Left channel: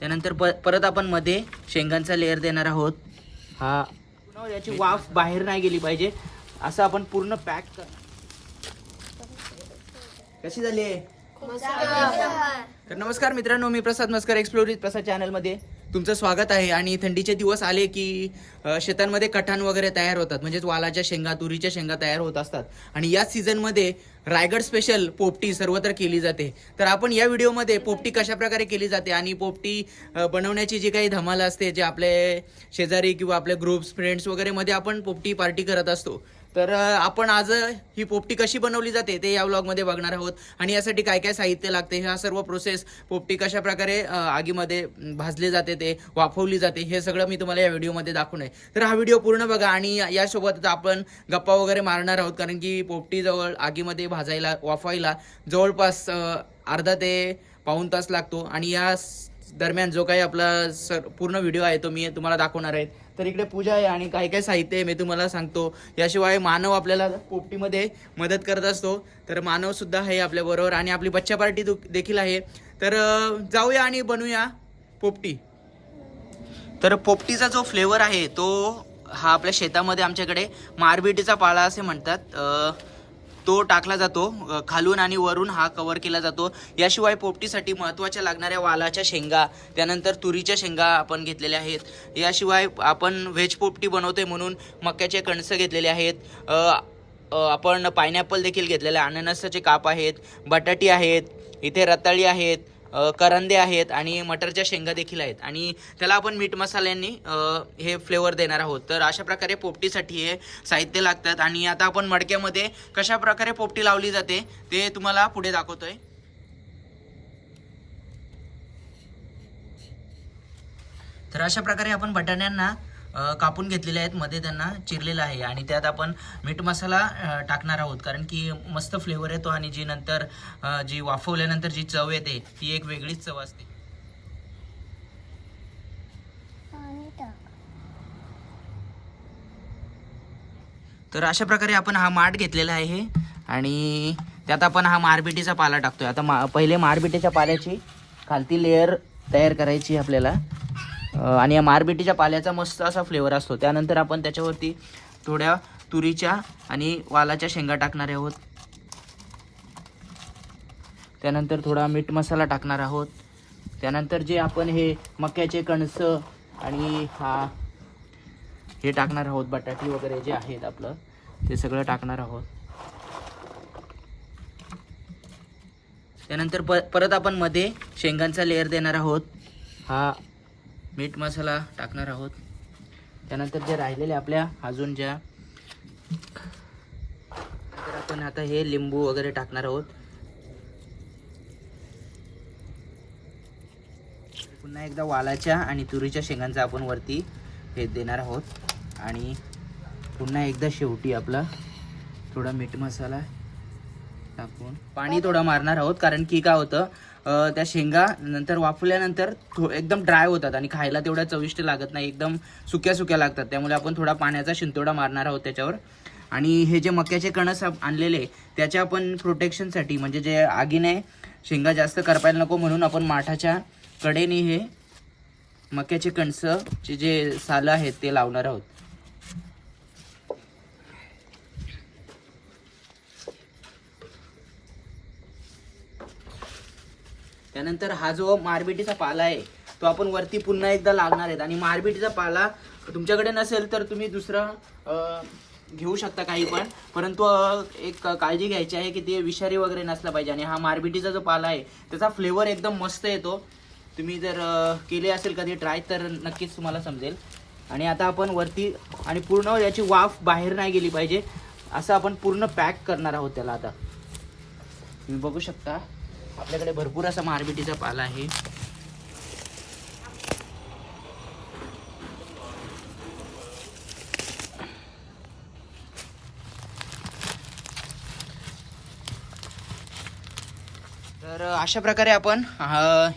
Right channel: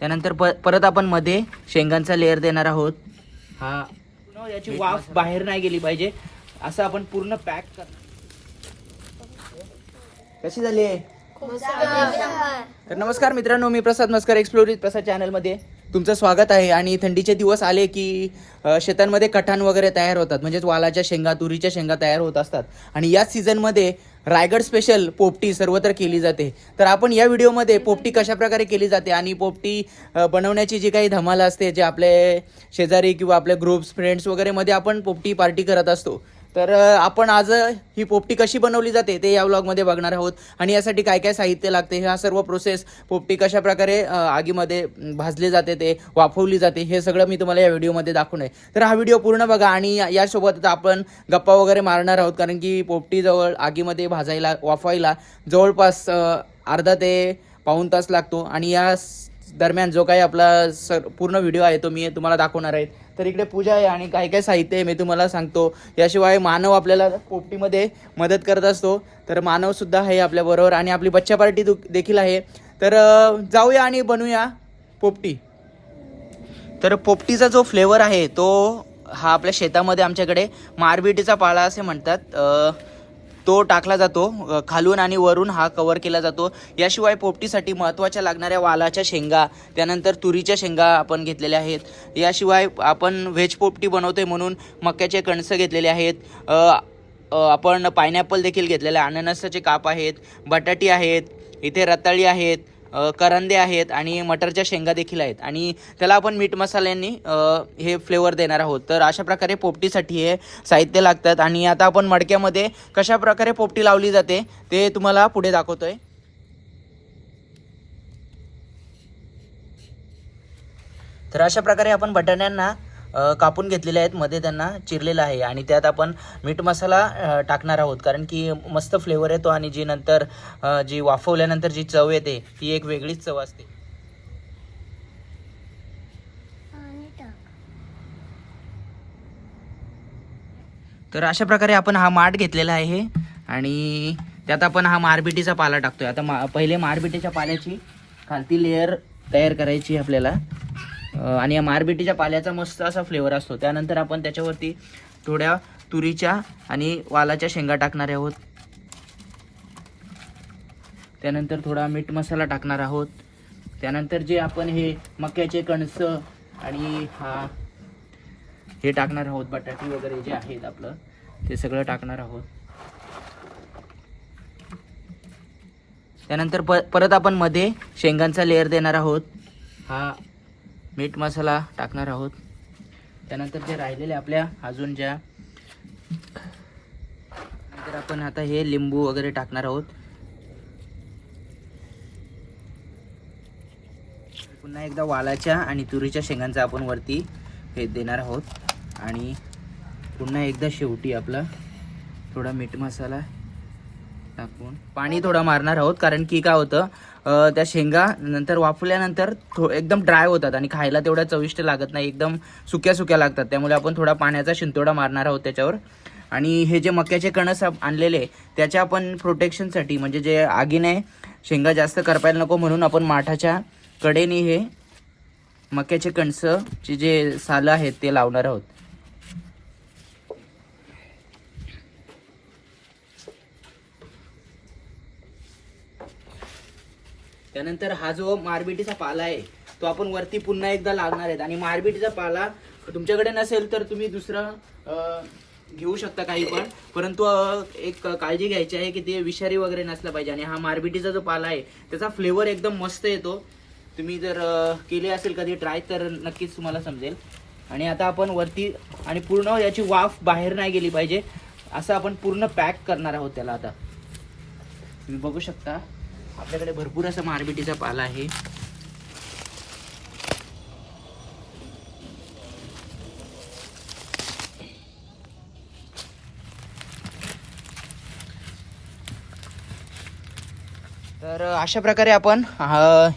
त्यानंतर प परत आपण मध्ये शेंगांचा लेअर देणार आहोत. हा. याची वाफ बाहेर नाही गेली पाहिजे. असं आपण पूर्ण पॅक करणार. कशी झाली तर नमस्कार मित्रांनो मी प्रसाद मस्कर एक्सप्लोरित प्रसाद चॅनलमध्ये तुमचं स्वागत आहे आणि थंडीचे दिवस आले की शेतांमध्ये कठाण वगैरे तयार होतात. म्हणजेच वालाच्या शेंगा तुरीच्या शेंगा तयार होत असतात. आणि याच सीझनमध्ये रायगड स्पेशल पोपटी सर्वत्र केली जाते. तर आपण या व्हिडिओमध्ये पोपटी कशा प्रकारे केली जाते आणि पोपटी बनवण्याची जी काही धमाल असते जे आपले शेजारी किंवा आपले ग्रुप्स फ्रेंड्स वगैरेमध्ये आपण पोपटी पार्टी करत असतो. तर आपण आज ही पोपटी कशी बनवली जाते ते या व्लॉगमध्ये बघणार आहोत. आणि यासाठी काय काय साहित्य लागते ह्या सर्व प्रोसेस पोपटी कशा प्रकारे आगीमध्ये भाजले भाजली जाते ते वाफवली जाते हे सगळं मी तुम्हाला या व्हिडिओमध्ये दाखवणार आहे. तर हा व्हिडिओ पूर्ण बघा आणि यासोबतच आपण गप्पा वगैरे मारणार आहोत कारण की पोपटीजवळ आगीमध्ये भाजायला वाफवायला जवळपास अर्धा ते पाऊण तास लागतो. आणि या दरम्यान जो काही आपला सर पूर्ण व्हिडिओ आहे तो मी तुम्हाला दाखवणार आहे. तर इकडे पूजा आहे आणि काय काय साहित्य आहे मी तुम्हाला सांगतो. याशिवाय मानव आपल्याला पोपटीमध्ये मदत करत असतो. तर मानव सुद्धा आहे आपल्याबरोबर आणि आपली बच्चा पार्टी दु- देखील आहे. तर जाऊया आणि बनवूया पोपटी. तर पोपटीचा जो फ्लेवर आहे तो हा आपल्या शेतामध्ये आमच्याकडे मारबिटीचा पाला असे म्हणतात. तो टाकला जातो खालून आणि वरून हा कवर केला जातो. याशिवाय पोपटीसाठी महत्त्वाच्या लागणाऱ्या वालाच्या शेंगा त्यानंतर तुरीच्या शेंगा आपण घेतलेल्या आहेत. याशिवाय आपण व्हेज पोपटी बनवतोय म्हणून मक्याचे कणसं घेतलेले आहेत. आपण पायनॅपल देखील घेतलेले आहे. अननसाचे काप आहेत बटाटी आहेत इथे रताळी आहेत करंदे आहेत आणि मटरच्या शेंगा देखील आहेत. आणि त्याला आपण मीठ मसाल्यांनी हे फ्लेवर देणार आहोत. तर अशा प्रकारे पोपटीसाठी हे साहित्य लागतात. आणि आता आपण मडक्यामध्ये कशा प्रकारे पोपटी लावली जाते ते तुम्हाला पुढे दाखवतोय. तर अशा प्रकारे आपण बटाण्यांना कापून घेतलेले आहेत. मध्ये त्यांना चिरलेलं आहे आणि त्यात आपण मीठ मसाला टाकणार आहोत. कारण की मस्त फ्लेवर येतो आणि जी नंतर जी वाफवल्यानंतर जी चव येते ती एक वेगळीच चव असते. तर अशा प्रकारे आपण हा माठ घेतलेला आहे आणि त्यात आपण हा मारबिटीचा पाला टाकतोय. आता मा पहिले मारबिटीच्या पाल्याची खालती लेअर तयार करायची आपल्याला. आणि या मारबिटीच्या पाल्याचा मस्त असा फ्लेवर असतो. त्यानंतर आपण त्याच्यावरती थोड्या तुरीच्या आणि वालाच्या शेंगा टाकणार आहोत. त्यानंतर थोडा मीठ मसाला टाकणार आहोत. त्यानंतर जे आपण हे मक्याचे कणसं आणि हा हे टाकणार आहोत बटाटे वगैरे जे आहेत आपलं ते सगळं टाकणार आहोत. त्यानंतर प परत आपण मध्ये शेंगांचा लेअर देणार आहोत. हा मीठ मसाला टाकणार आहोत. त्यानंतर जे राहिलेले आपल्या अजून ज्या तर आपण आता हे लिंबू वगैरे टाकणार आहोत. पुन्हा एकदा वालाच्या आणि तुरीच्या शेंगांचा आपण वरती हे देणार आहोत. आणि पुन्हा एकदा शेवटी आपला थोडा मीठ मसाला टाकून पाणी थोडं मारणार आहोत कारण की काय होतं त्या शेंगा नंतर वाफल्यानंतर थो एकदम ड्राय होतात आणि खायला तेवढ्या चविष्ट लागत नाही एकदम सुक्या सुक्या लागतात. त्यामुळे आपण थोडा पाण्याचा शिंतोडा मारणार आहोत त्याच्यावर. आणि हे जे मक्याचे कणस आणलेले त्याच्या आपण प्रोटेक्शनसाठी म्हणजे जे आगीने शेंगा जास्त करपायला नको म्हणून आपण माठाच्या कडेने हे मक्याचे कणसं जे सालं आहेत ते लावणार आहोत. त्यानंतर हा जो मारबिटीचा पाला आहे तो आपण वरती पुन्हा एकदा लागणार आहेत. आणि मारबिटीचा पाला तुमच्याकडे नसेल तर तुम्ही दुसरा घेऊ शकता काही पण. परंतु एक काळजी घ्यायची आहे की ते विषारी वगैरे नसला पाहिजे. आणि हा मारबिटीचा जो पाला आहे त्याचा फ्लेवर एकदम मस्त येतो. तुम्ही जर केले असेल कधी ट्राय तर नक्कीच तुम्हाला समजेल. आणि आता आपण वरती आणि पूर्ण याची वाफ बाहेर नाही गेली पाहिजे. असं आपण पूर्ण पॅक करणार आहोत त्याला आता. तुम्ही बघू शकता. आपल्याकडे भरपूर असा मारबिटीचा पाला आहे. तर अशा प्रकारे आपण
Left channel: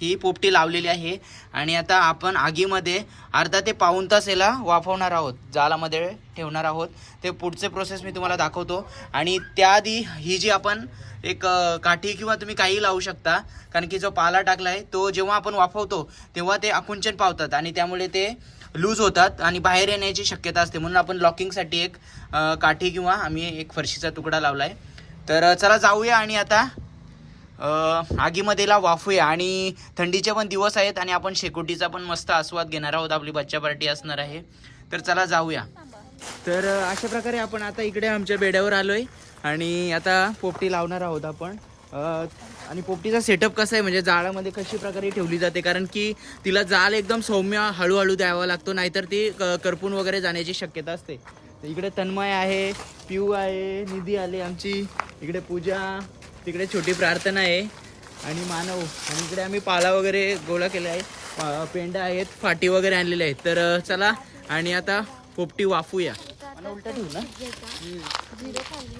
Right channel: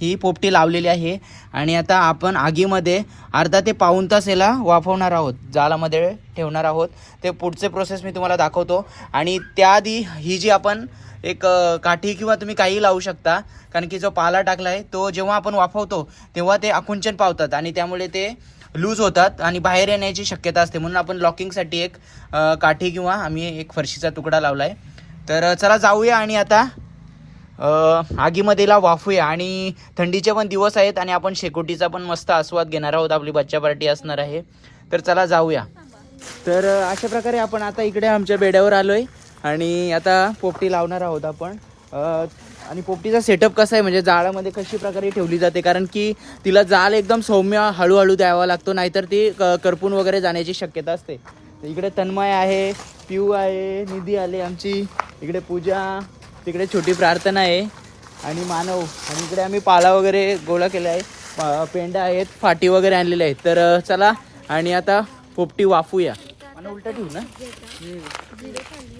ही पोपटी लावलेली आहे आणि आता आपण आगीमध्ये अर्धा ते पाऊण तास याला वाफवणार आहोत जालामध्ये ठेवणार आहोत. ते पुढचे प्रोसेस मी तुम्हाला दाखवतो. आणि त्याआधी ही जी आपण एक काठी किंवा तुम्ही काही लावू शकता. कारण की जो पाला टाकलाय तो जेव्हा आपण वाफवतो तेव्हा ते आकुंचन पावतात आणि त्यामुळे ते लूज होतात आणि बाहेर येण्याची शक्यता असते. म्हणून आपण लॉकिंगसाठी एक काठी किंवा आम्ही एक फरशीचा तुकडा लावलाय. तर चला जाऊया आणि आता आगीमध्येला वाफूया. आणि थंडीचे पण दिवस आहेत आणि आपण शेकोटीचा पण मस्त आस्वाद घेणार आहोत. आपली बच्चा पार्टी असणार आहे. तर चला जाऊया. तर अशा प्रकारे आपण आता इकडे आमच्या बेड्यावर आलोय. आणि आता पोपटी लावणार आहोत आपण. आणि पोपटीचा सेटअप कसा आहे? म्हणजे जाळामध्ये कशी प्रकारे ठेवली जाते? कारण की तिला जाळ एकदम सौम्य हळूहळू द्यावा लागतो नाहीतर ती क- करपून वगैरे जाण्याची शक्यता असते. इकडे तन्मय आहे पिऊ आहे निधी आले आमची. इकडे पूजा तिकडे छोटी प्रार्थना आहे. आणि मानव आणि इकडे आम्ही पाला वगैरे गोळा केला आहे. पा- पेंडा आहेत फाटी वगैरे आणलेले आहेत. तर चला आणि आता पोपटी वाफूया. मला उलटा ठेवू ना? हो.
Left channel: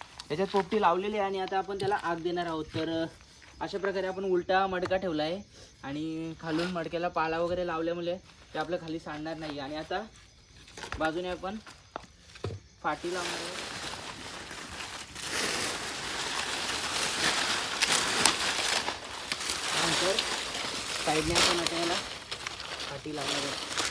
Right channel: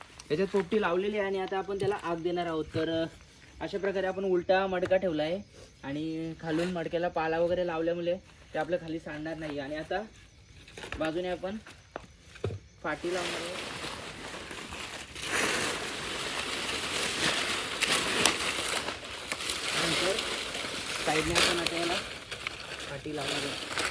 याच्यात पोपटी लावलेली आहे आणि आता आपण त्याला आग देणार आहोत. तर अशा प्रकारे आपण उलटा मडका ठेवला आहे आणि खालून मडक्याला पाला वगैरे लावल्यामुळे ते आपल्या खाली सांडणार नाही. आणि आता बाजूने आपण फाटी लावणार आहे नंतर साईडने आपण आता फाटी लावणार आहोत.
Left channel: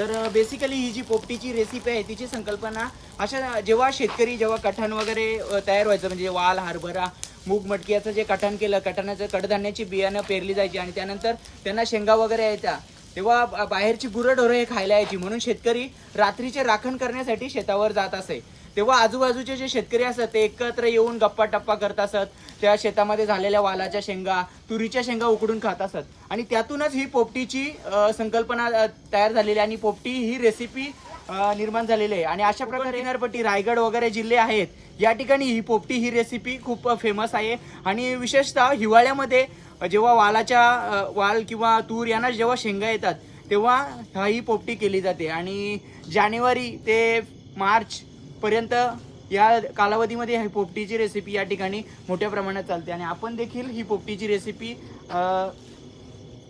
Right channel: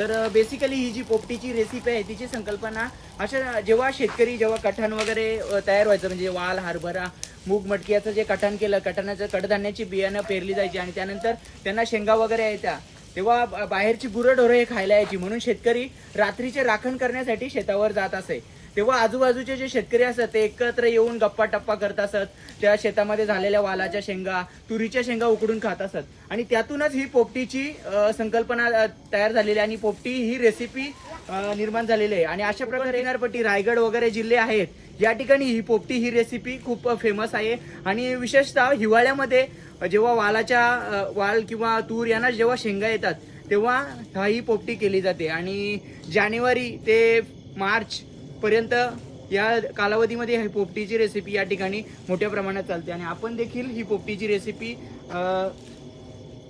तर बेसिकली ही जी पोपटीची रेसिपी आहे तिची संकल्पना अशा जेव्हा शेतकरी जेव्हा कठाण वगैरे तयार व्हायचं म्हणजे वाल हरभरा मूग मटकी याचं जे कठाण केलं कठाणाचं कडधान्याची बियाणं पेरली जायची आणि त्यानंतर त्यांना शेंगा वगैरे यायच्या तेव्हा बाहेरची गुरंढोरं हे खायला यायची. म्हणून शेतकरी रात्रीचे राखण करण्यासाठी शेतावर जात असे. तेव्हा आजूबाजूचे जे शेतकरी असतात ते एकत्र येऊन गप्पा टप्पा करत असत. त्या शेतामध्ये झालेल्या वालाच्या शेंगा तुरीच्या शेंगा उकडून खात असत. आणि त्यातूनच ही पोपटीची संकल्पना तयार झालेली आहे. आणि पोपटी ही रेसिपी निर्माण झालेली आहे. आणि अशा प्रकारे किनारपट्टी रायगड वगैरे जिल्हे आहेत. या ठिकाणी ही पोपटी ही रेसिपी खूप फेमस आहे. आणि विशेषतः हिवाळ्यामध्ये जेव्हा वालाच्या वाल किंवा तूर यांना जेव्हा शेंगा येतात तेव्हा ही पोपटी केली जाते. आणि जानेवारी ते मार्च पर्यंत या कालावधीमध्ये ही पोपटीची रेसिपी या ठिकाणी मोठ्या प्रमाणात चालते. आणि आपण देखील ही पोपटीची रेसिपी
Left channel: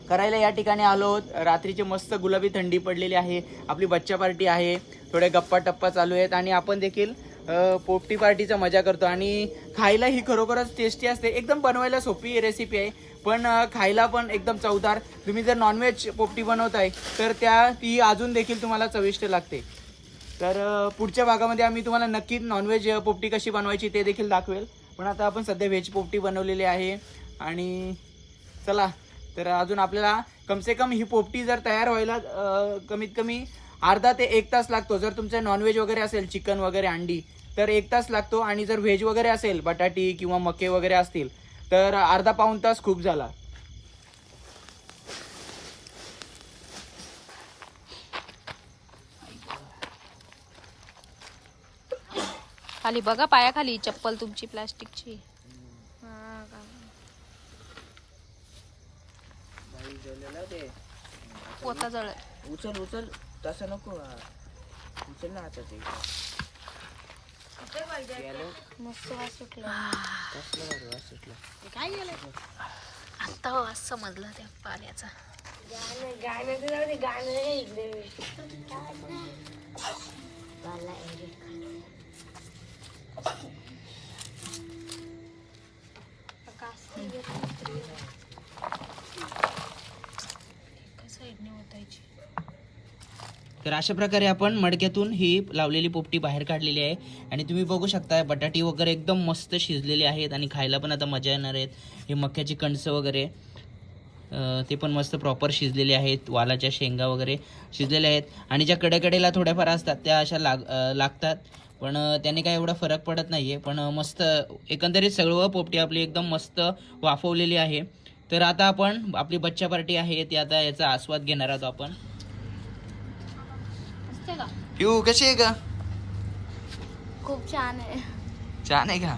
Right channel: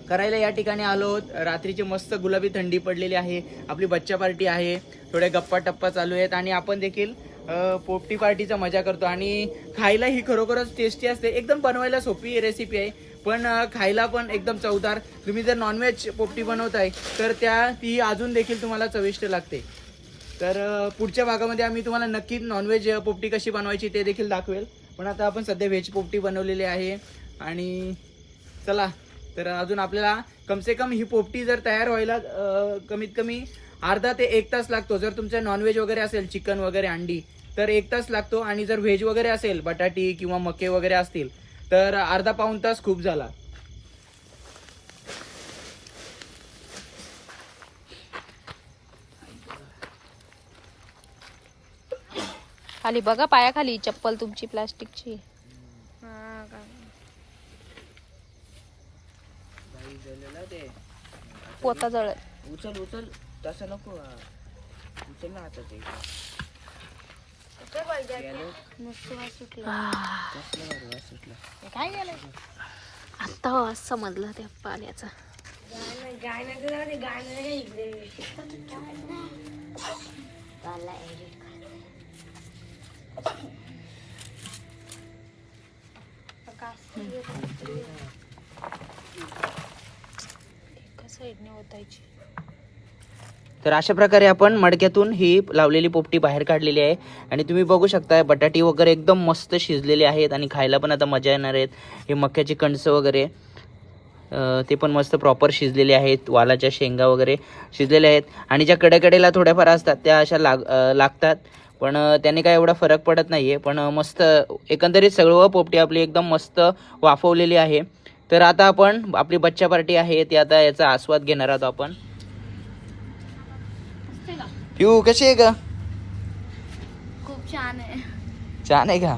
करायला या ठिकाणी आलो आहोत. रात्रीचे मस्त गुलाबी थंडी पडलेली आहे. आपली बच्चा पार्टी आहे. थोड्या गप्पा टप्पा चालू आहेत. आणि आपण देखील पोपटी पार्टीचा मजा करतो. आणि खायला ही खरोखरच टेस्टी असते. एकदम बनवायला सोपी रेसिपी आहे. पण खायला पण एकदम चवदार. तुम्ही जर नॉनव्हेज पोपटी बनवताय तर त्या ती अजून देखील तुम्हाला चविष्ट लागते. तर पुढच्या भागामध्ये आम्ही तुम्हाला नक्की नॉनव्हेज पोपटी कशी बनवायची ते देखील दाखवेल. पण आता आपण सध्या व्हेज पोपटी बनवलेली आहे. आणि चला तर अजून आपल्याला कमसे कम ही पोपटी जर तयार व्हायला कमीत कमी अर्धा ते एक तास लागतो. जर तुमचं नॉनव्हेज वगैरे असेल चिकन वगैरे अंडी तर एक तास लागतो. आणि जर व्हेज वगैरे असेल बटाटी किंवा मके वगैरे असतील तर अर्धा पाऊण तास खूप झाला. खाली बघा पायाखाली चप्पल तुमची प्लास्टिकची. पोता जळत उचल उचल. तसं नको. उचल ना आता ते आता वास समजला त्या पाण्याचा. एका साईडने ओतायची. तर अशा प्रकारे आपण मडक्यातून ही लावलेली पोपटी बाहेर काढलेली आहे. आणि तुम्ही बघू शकता बटाटी वगैरे एकदम मस्त शिजलेले आहेत आणि खायला पण आता मजा येणार आहेत. हे मक्याची कणसं वगैरे ते पण मस्त प्रॉपर शिजलेले आहेत. वालाच्या शेंगा वगैरे शिजलेले आहेत. आणि ज्या कडेकडेला थोड्याफार असतात त्या अशा लाग लागतात. पण त्याने काय एवढा फरक पडत नाही आहे पण मस्त एकंदरीत सगळं पोपटी आपली एकदम मस्त वाफवलेली आहे. तर आता आपण आपली बच्चा पार्टी आहे ती आता याचा आस्वाद घेणार आहोत आपण. पिऊ कशी आहे का खूप छान आहे. छान आहे का?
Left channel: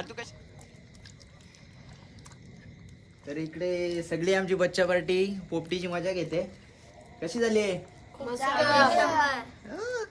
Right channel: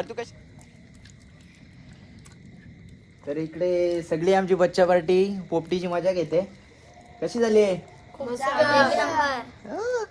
तू कशी? तर इकडे सगळी आमची बच्चा पार्टी पोपटीची मजा घेते. कशी झाली आहे? एक नंबर. आ,